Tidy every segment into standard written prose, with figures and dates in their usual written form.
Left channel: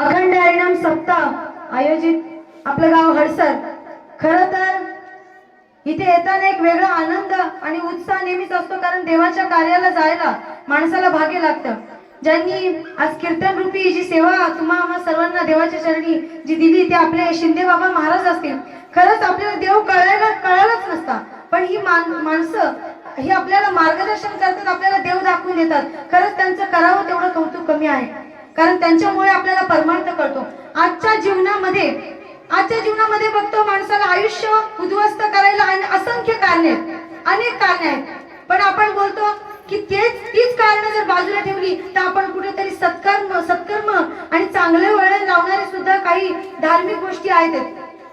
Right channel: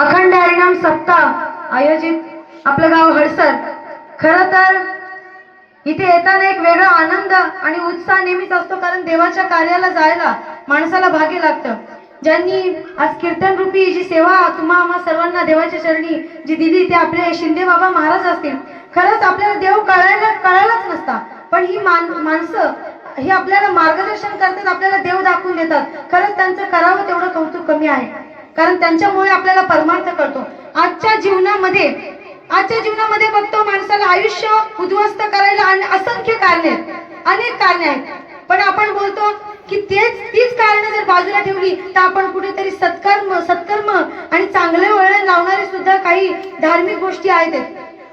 अखंड हरिनाम सप्ताह आयोजित आपलं गाव हडसर। खरं तर इथे येताना एक वेगळा आनंद आणि उत्साह नेहमीच असतो, कारण देवाच्या कार्याला जायला माणसाला भाग्य लागतं। ज्यांनी आज कीर्तन रूपी जी सेवा आम्हा सर्वांना देवाच्या चरणी जी दिली ते आपले शिंदे बाबा महाराज असतील। खरंच आपल्याला देव कळायलाच नसता, पण ही माणसं ही आपल्याला मार्गदर्शन करतात, आपल्याला देव दाखवून देतात। खरंच त्यांचं करावं तेवढं कौतुक कमी आहे, कारण त्यांच्यामुळे आपल्याला परमार्थ कळतो। आजच्या जीवनामध्ये बघतो माणसाला आयुष्य उद्ध्वस्त करायला असंख्य कारणे अनेक कारणे आहेत, पण आपण बोलतो की तीच कारणे जर बाजूला ठेवली तर आपण कुठेतरी सत्कर्म आणि चांगले वळण लावणारे सुद्धा काही धार्मिक गोष्टी आहेत।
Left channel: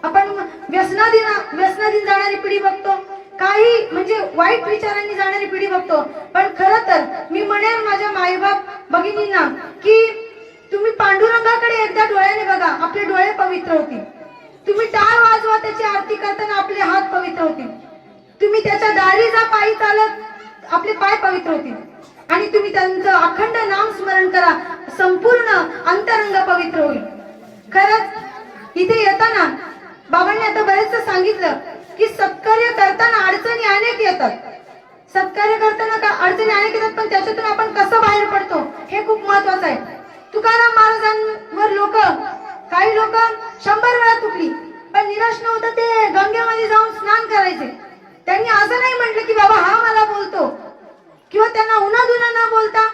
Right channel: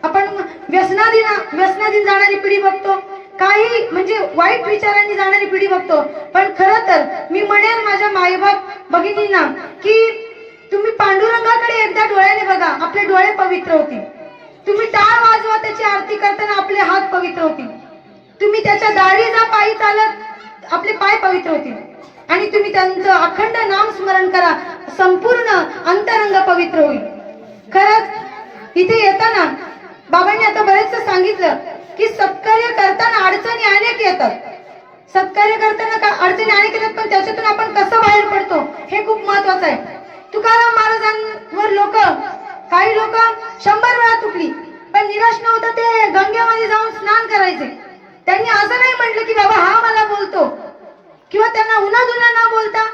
आपण व्यसनाधीन जाणारी पिढी बघतो, काही म्हणजे वाईट विचारांनी जाणारी पिढी बघतो। पण खरं तर मी म्हणेन माझ्या माईबाप भगिनींना की तुम्ही पांडुरंगाकडे एकदा डोळ्याने बघा, आपले डोळे पवित्र होतील। तुम्ही टाळ वाजवा, त्याची आरती करताना आपले हात पवित्र होतील। तुम्ही त्याच्या दारी जा पायी चालत, आपले पाय पवित्र होतील। आणि तुम्ही त्यांचं अखंड नाम स्मरण करा, संपूर्ण अंतरंग पवित्र होईल। खरंच इथे येताना बाबांनी आता बरेचसं सांगितलं की सत्कार्य करताना अडचणी अनेक येतात, सत्कार्य करताना अडचणी अनेक येतात, पण त्याच्यातून आपण कसं बाहेर पडतो हे खूप महत्वाचं आहे। तुकाराम महाराजांवर काही लोक 100 वेळा तुटली, पण निराश न होता ते गंगेमध्ये जाऊन स्नान करायचे। त्यांनी असं नाही म्हटलं की बाबा हा मला बोलतो, किंवा त्यांना उन्हाधुना न बोलता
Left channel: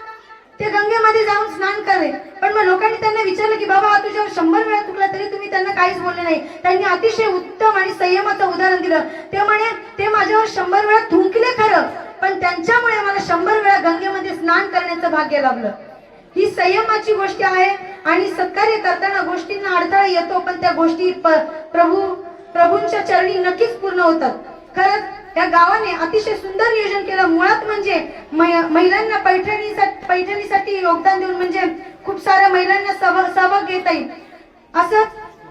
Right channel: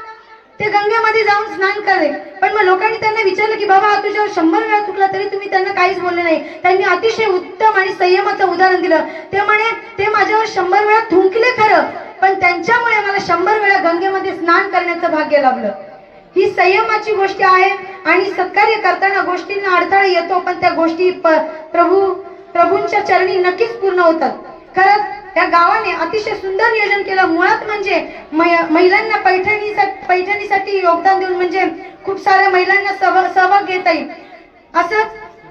ते गंगेमध्ये जाऊन स्नान करे। पण मग लोकांनी त्यांना विचारलं की बाबा तुझ्यावर 100 वेळा तुटला तरी तुम्ही त्यांना काहीच बोलले नाही। त्यांनी अतिशय उत्तम आणि संयमाचं उदाहरण दिलं। ते म्हणे ते माझ्यावर 100 वेळा थुंकले खरं, पण त्यांच्यामुळे मला 100 वेळा गंगेमध्ये स्नान करण्याचं भाग्य लाभलं। ही संयमाची गोष्ट आहे, आणि सत्कार्य करताना गोष्टींना अडथळा येतो, पण त्या गोष्टी प्रभूंच्या चरणी नक्कीच पूर्ण होतात। खरंच या गावाने अतिशय सुंदर नियोजन केलं। मुळात म्हणजे महिलांना पैठणीसाठी योगदान देऊन म्हणजे खूप साऱ्या महिलांना सहभाग घेता येईल असं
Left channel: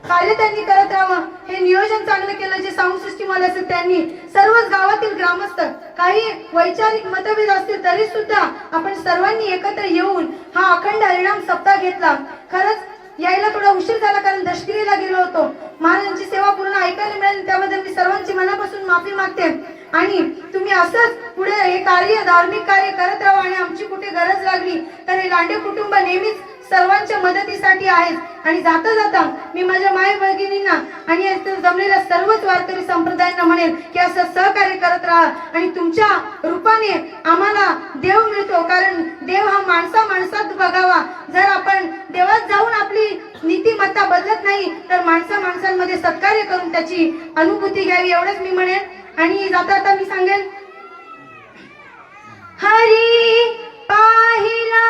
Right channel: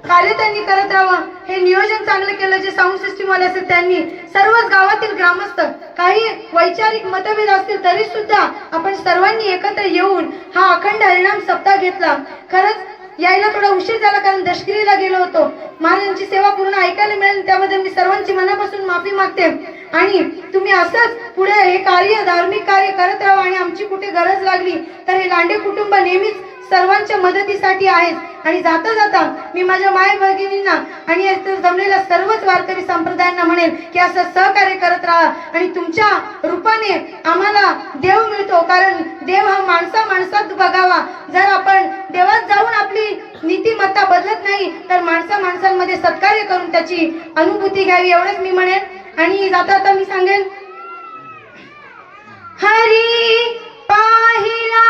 कार्य त्यांनी करत राहावं, हे नियोजन चांगलं केलं। जे साऊंड सिस्टीम वाले असतील त्यांनी, सर्वच गावातील ग्रामस्थ, काही वैचारिक मतभेद असतील तरी सुद्धा आपण सर्वांनी एकत्र येऊन हा अखंड हरिनाम सप्ताह घेतला। खरंच यायला थोडा उशीर झाला, कारण दशगिरीला गेलो होतो। महाराजांची सेवा पूर्ण ऐकायला मिळेल त्याबद्दल मी सर्वांची मनापासून माफी मागते। आणि तुम्ही असंच पुढे हे कार्य, धार्मिक कार्य करत राहा, आणि आमची कुठे गरज लागली तर हे लांडे कुटुंब नेहमीच सर्वांच्या मदतीसाठी आहे। आणि जाता जाता मी माझ्या माय भगिनींना आणि जमलेल्या सर्वच वारकरी संप्रदायांना म्हणेल की असं सहकार्य करत राहा, आणि तुमच्या रूपाने आम्हाला देव मिळतो, कारण देव हा माणसात बघावा। जर आपण देवात जाऊन आपली नीतिमत्ता बदलत नाही तर माणसांमध्ये सत्कार्य करून त्याची अनुभूती घ्यावी, एवढंच मी म्हणेन। आणि जाता मी सांगेन, हरी पाहिला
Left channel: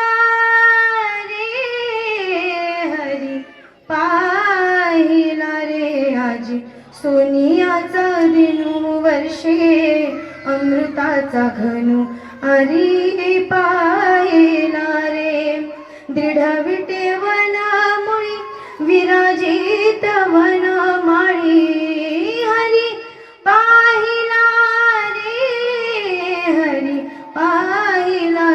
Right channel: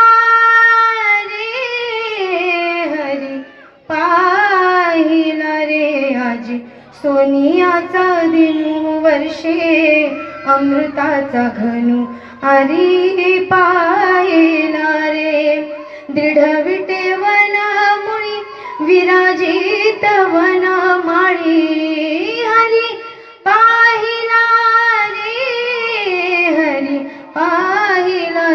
पाहिला रे आजी सोनियाचा दिनू वर्षे अमृताचा घनू, हरी पाहिला रे दृढ विटेवना मुळी विराजित वना माळी, हरी पाहिला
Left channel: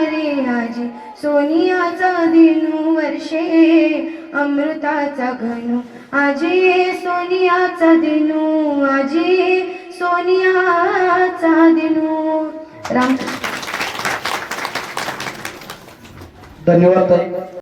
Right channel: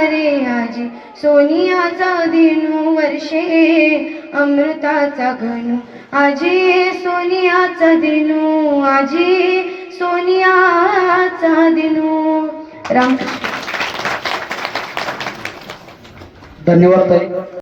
रे आजी सोनियाचा दिनू वर्षे अमृताचा घनू, आजी सोनियाचा दिनू, आजी सोनियाचा दिनू। राम धन्यवाद ताई।